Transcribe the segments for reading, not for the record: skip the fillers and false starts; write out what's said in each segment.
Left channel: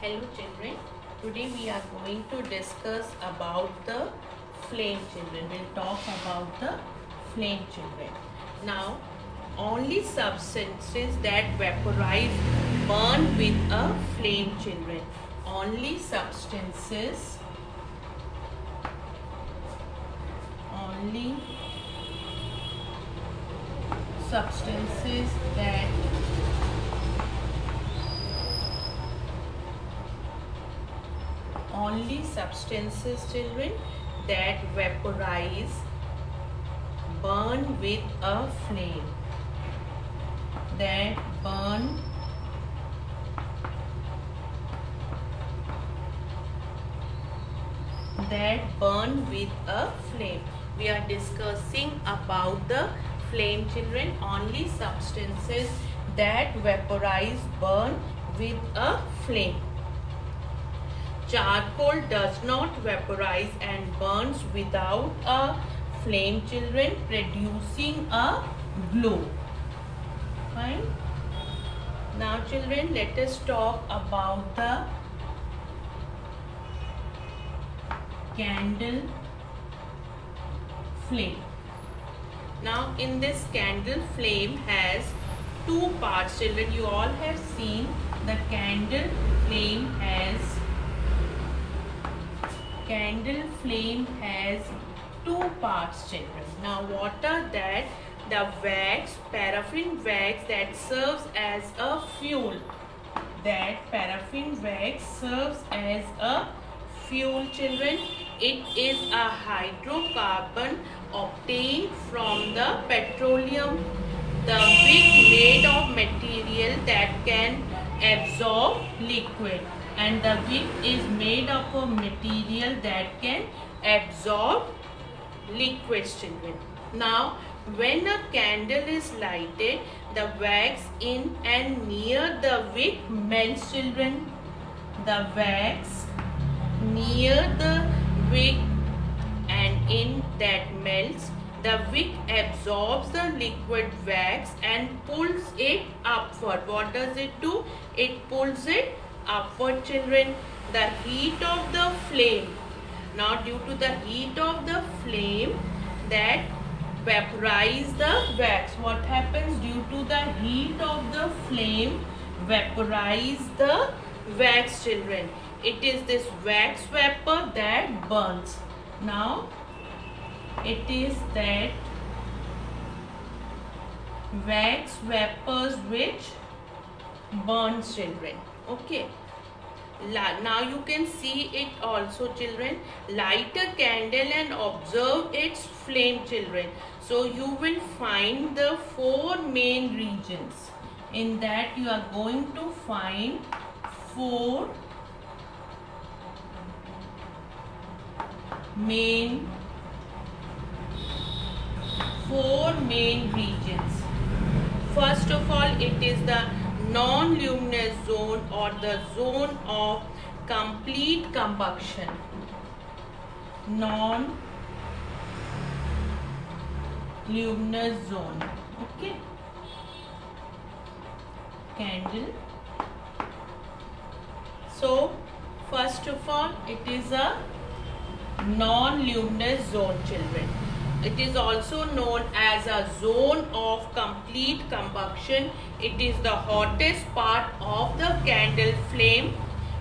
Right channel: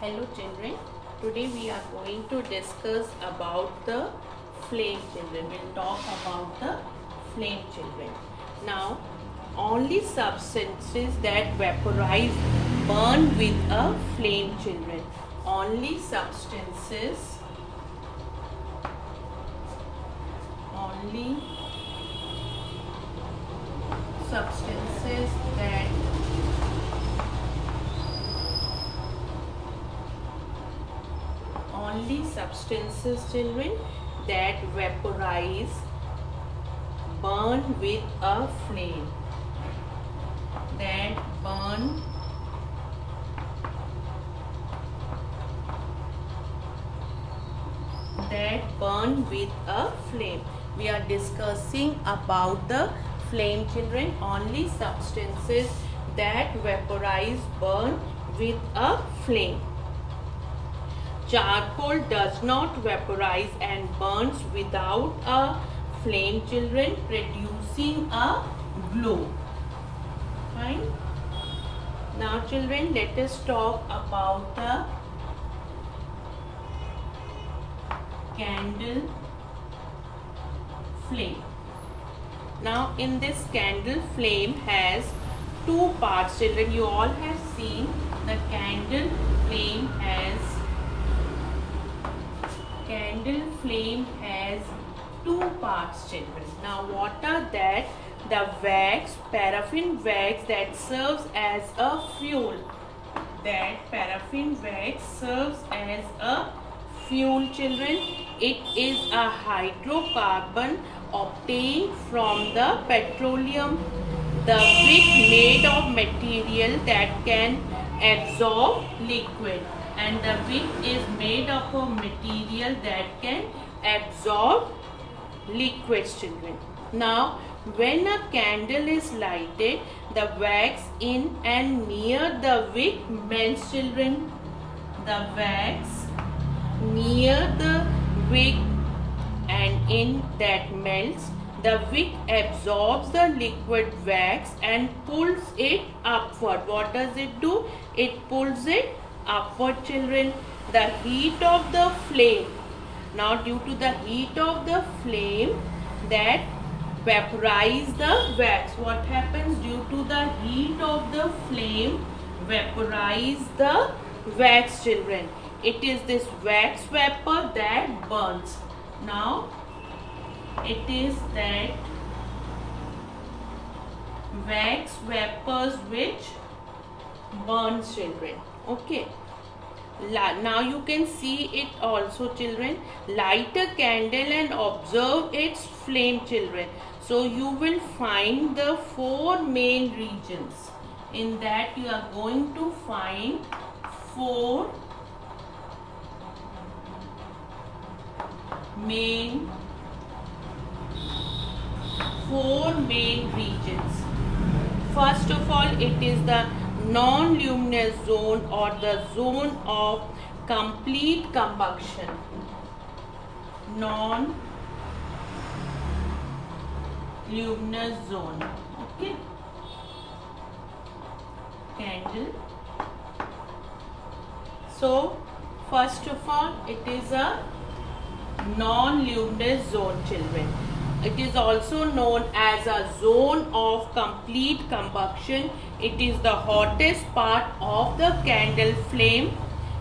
Hello children, today we are going to discuss about the flame children. We'll talk about the flame children. Now, only substances that vaporize burn with a flame children. Only substances that only substances children that vaporize burn with a flame, that burn with a flame. We are discussing about the flame children. Only substances that vaporize burn with a flame. Charcoal does not vaporize and burns without a flame children, producing a glow. Fine. Now children, let us talk about the candle flame. Now in this candle flame has two parts children. You all have seen the candle flame has two parts children. Now what are that? The wax, paraffin wax that serves as a fuel. That paraffin wax serves as a fuel children. It is a hydrocarbon obtained from the petroleum. The wick made of material that can absorb liquid. And the wick is made of a material that can absorb liquids children. Now when a candle is lighted, the wax in and near the wick melts children. The wax near the wick and in that melts. The wick absorbs the liquid wax and pulls it upward. What does it do? It pulls it upward children. The heat of the flame. Now due to the heat of the flame that vaporize the wax. What happens due to the heat of the flame? Vaporize the wax children. It is this wax vapor that burns. Now it is that wax vapors which burns children. Okay. Now you can see it also children. Light a candle and observe its flame children. So you will find the four main regions. In that you are going to find four main regions. First of all, it is the non-luminous zone or the zone of complete combustion. Non-luminous zone. Okay. Candle. So first of all, it is a non-luminous zone children. It is also known as a zone of complete combustion. It is the hottest part of the candle flame.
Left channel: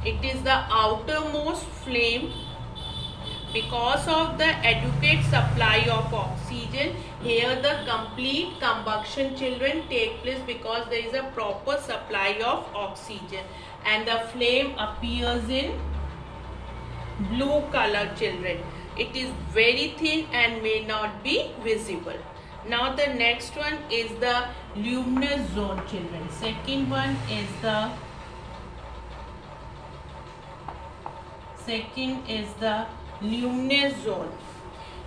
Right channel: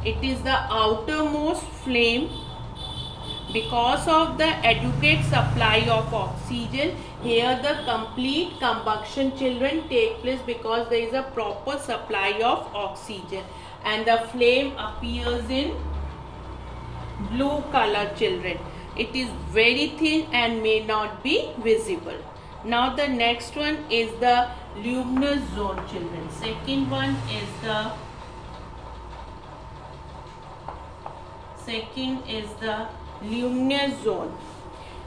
It is the outermost flame. Because of the adequate supply of oxygen, here the complete combustion children take place because there is a proper supply of oxygen. And the flame appears in blue color children. It is very thin and may not be visible. Now the next one is the luminous zone children. Second one is the luminous zone.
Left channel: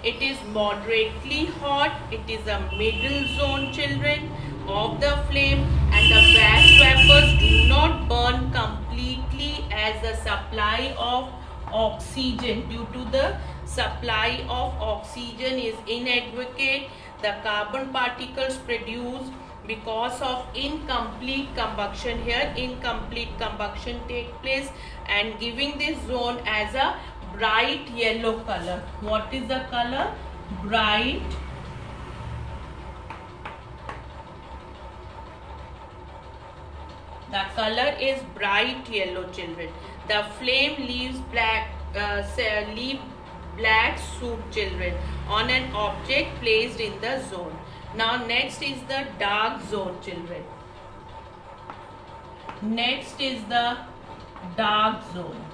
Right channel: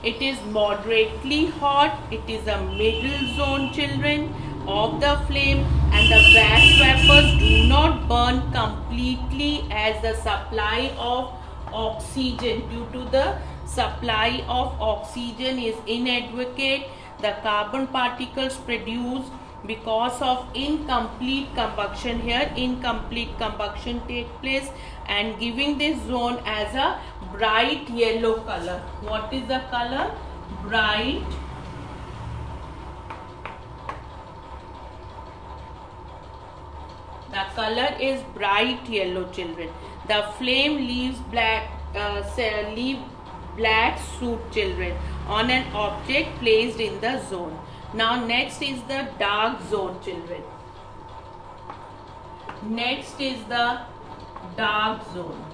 It is moderately hot. It is a middle zone children of the flame, and the wax vapors do not burn completely as the supply of oxygen, due to the supply of oxygen is inadequate. The carbon particles produced because of incomplete combustion. Here incomplete combustion take place and giving this zone as a bright yellow color. What is the color? Bright the color is bright yellow, children. The flame leaves black soot, children, on an object placed in the zone. Now next is the dark zone, children. Next is the dark zone.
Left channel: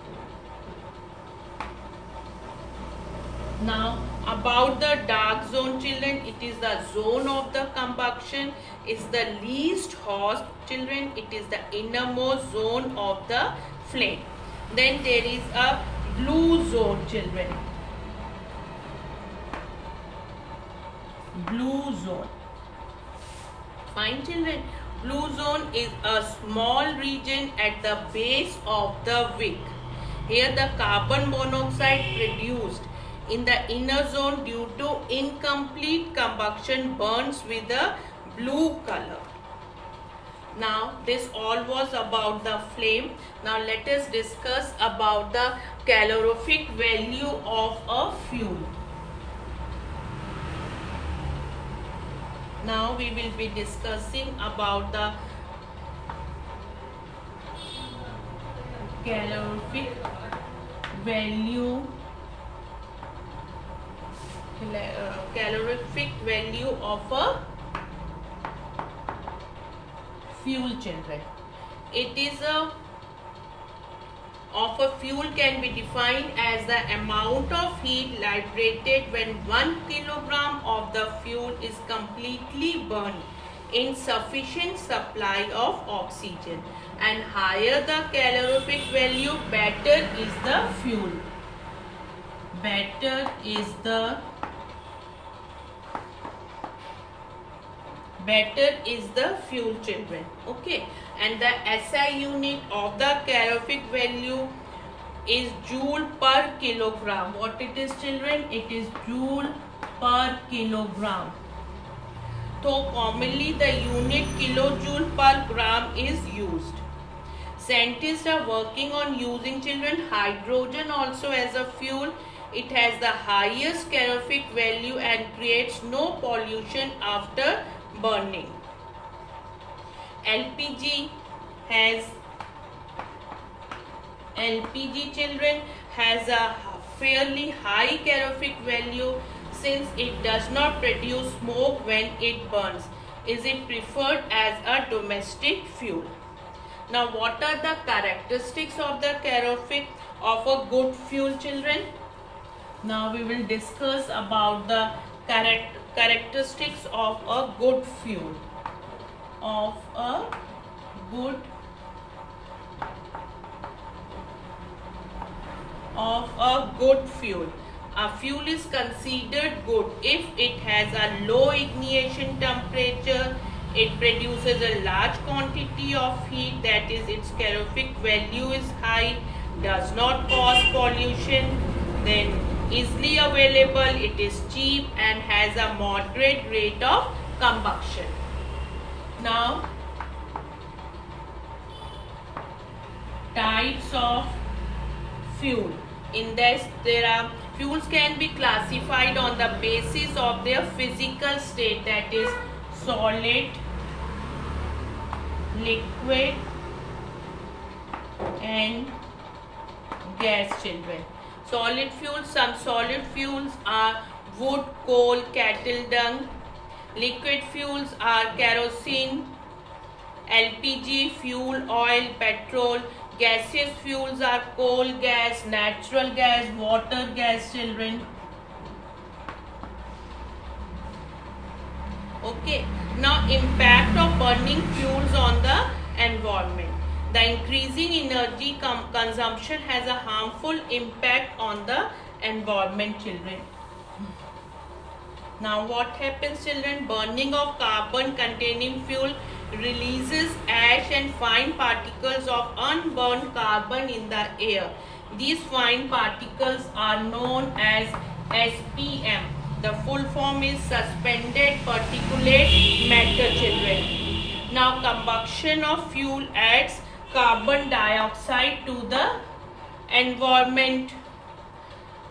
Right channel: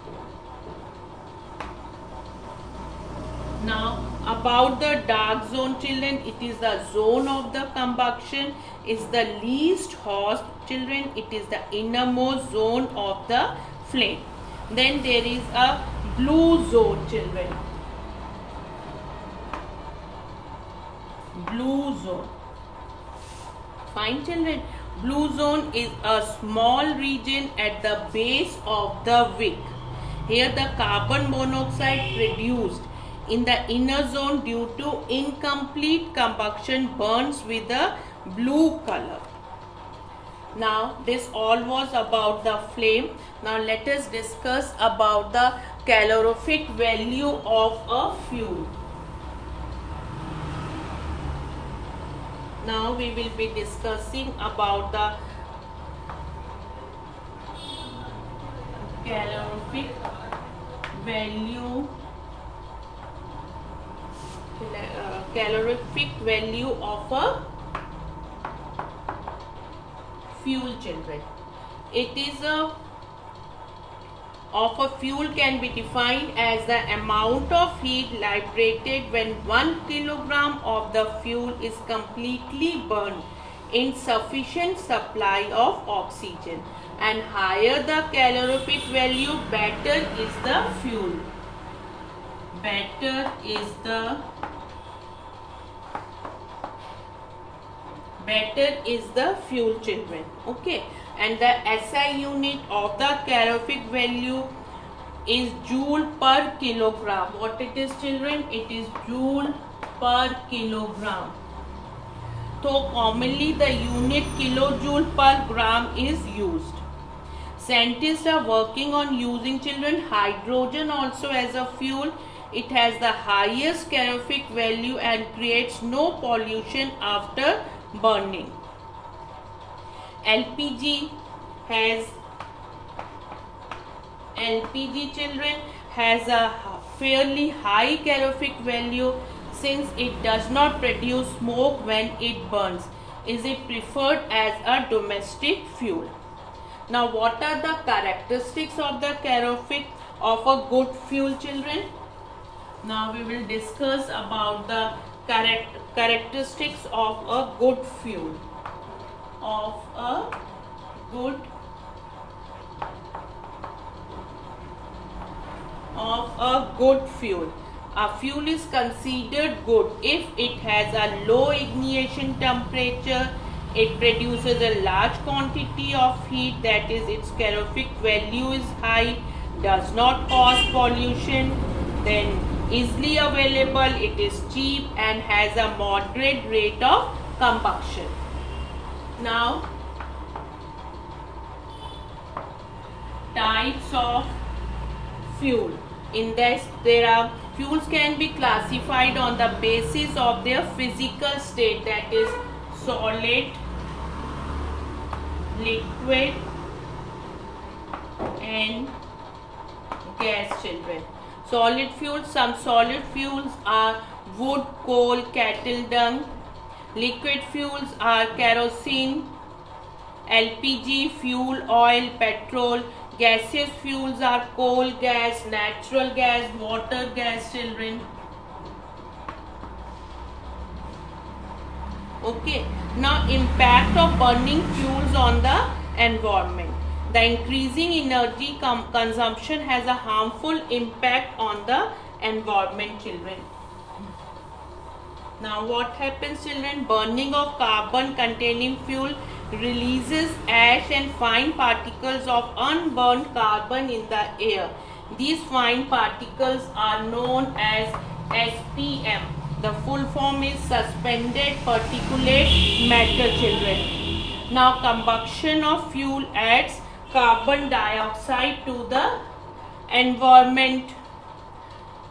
Now about the dark zone, children, it is the zone of the combustion, is the least hot, children. It is the innermost zone of the flame. Then there is a blue zone, children. Blue zone. Fine, children. Blue zone is a small region at the base of the wick. Here the carbon monoxide produced in the inner zone due to incomplete combustion burns with a blue color. Now this all was about the flame. Now let us discuss about the calorific value of a fuel. Now we will be discussing about the calorific value of a fuel, children. It is of a fuel can be defined as the amount of heat liberated when 1 kilogram of the fuel is completely burned in sufficient supply of oxygen. And higher the calorific value, better is the fuel. Better is the fuel, children. Okay. And the SI unit of the calorific value is joule per kilogram. What it is, children? It is joule per kilogram. So commonly the unit kilojoule per gram is used. Scientists are working on using, children, hydrogen also as a fuel. It has the highest calorific value and creates no pollution after burning. LPG, children, has a fairly high calorific value since it does not produce smoke when it burns. Is it preferred as a domestic fuel? Now what are the characteristics of the calorific of a good fuel, children? Now we will discuss about the characteristics of a good fuel. Of a good fuel. A fuel is considered good if it has a low ignition temperature, it produces a large quantity of heat, that is its calorific value is high, does not cause pollution, then easily available, it is cheap and has a moderate rate of combustion. Now, types of fuel. In this, there are fuels can be classified on the basis of their physical state, that is solid, liquid and gas, children. Solid fuels, some solid fuels are wood, coal, cattle dung. Liquid fuels are kerosene, LPG, fuel oil, petrol. Gaseous fuels are coal gas, natural gas, water gas, children. Okay. Now impact of burning fuels on the environment. The increasing energy consumption has a harmful impact on the environment, children. Now what happens, children? Burning of carbon containing fuel releases ash and fine particles of unburned carbon in the air. These fine particles are known as SPM. The full form is suspended particulate matter, children. Now combustion of fuel adds carbon dioxide to the environment.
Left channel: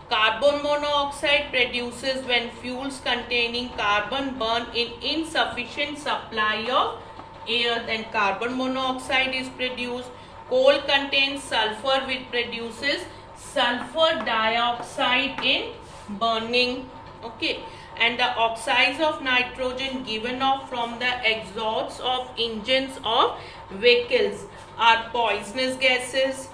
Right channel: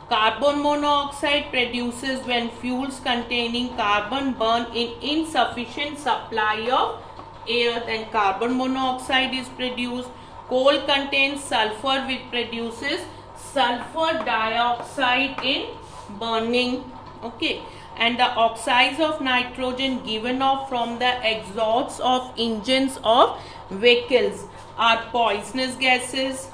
Carbon monoxide produces when fuels containing carbon burn in insufficient supply of air, then carbon monoxide is produced. Coal contains sulfur, which produces sulfur dioxide in burning. Okay, and the oxides of nitrogen given off from the exhausts of engines of vehicles are poisonous gases.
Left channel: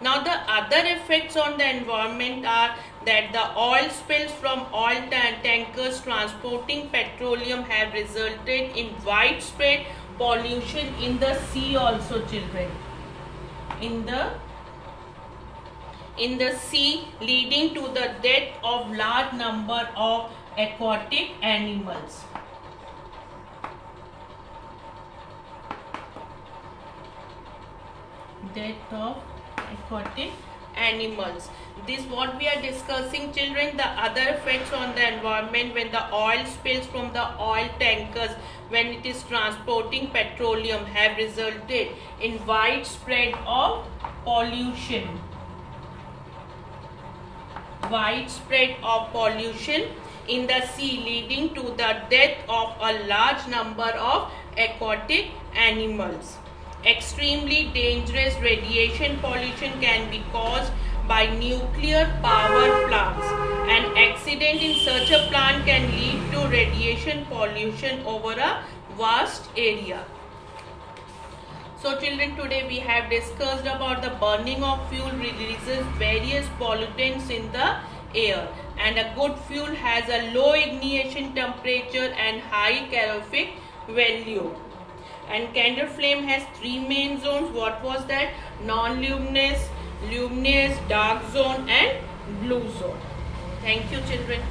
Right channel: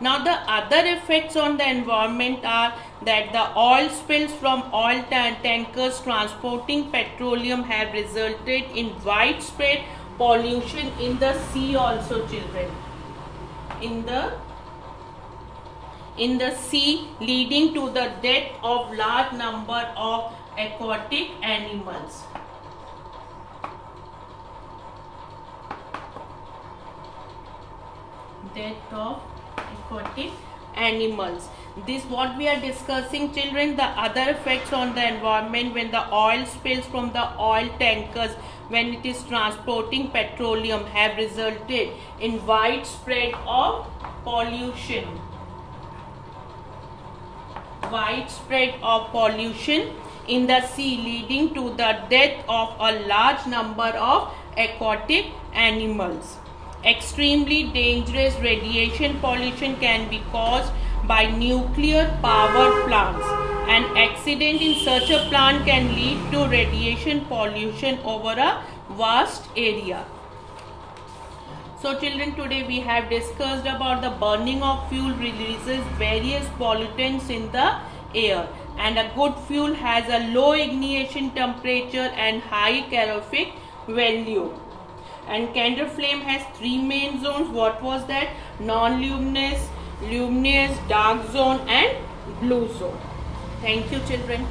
Now the other effects on the environment are that the oil spills from oil tankers transporting petroleum have resulted in widespread pollution in the sea also, children. In the sea, leading to the death of large number of aquatic animals. Death of aquatic animals. This what we are discussing, children. The other effects on the environment when the oil spills from the oil tankers when it is transporting petroleum have resulted in widespread of pollution. Widespread of pollution in the sea, leading to the death of a large number of aquatic animals. Extremely dangerous radiation pollution can be caused by nuclear power plants. An accident in such a plant can lead to radiation pollution over a vast area. So children, today we have discussed about the burning of fuel releases various pollutants in the air, and a good fuel has a low ignition temperature and high calorific value. And candle flame has three main zones. What was that? Non-luminous, luminous, dark zone and blue zone. Thank you, children.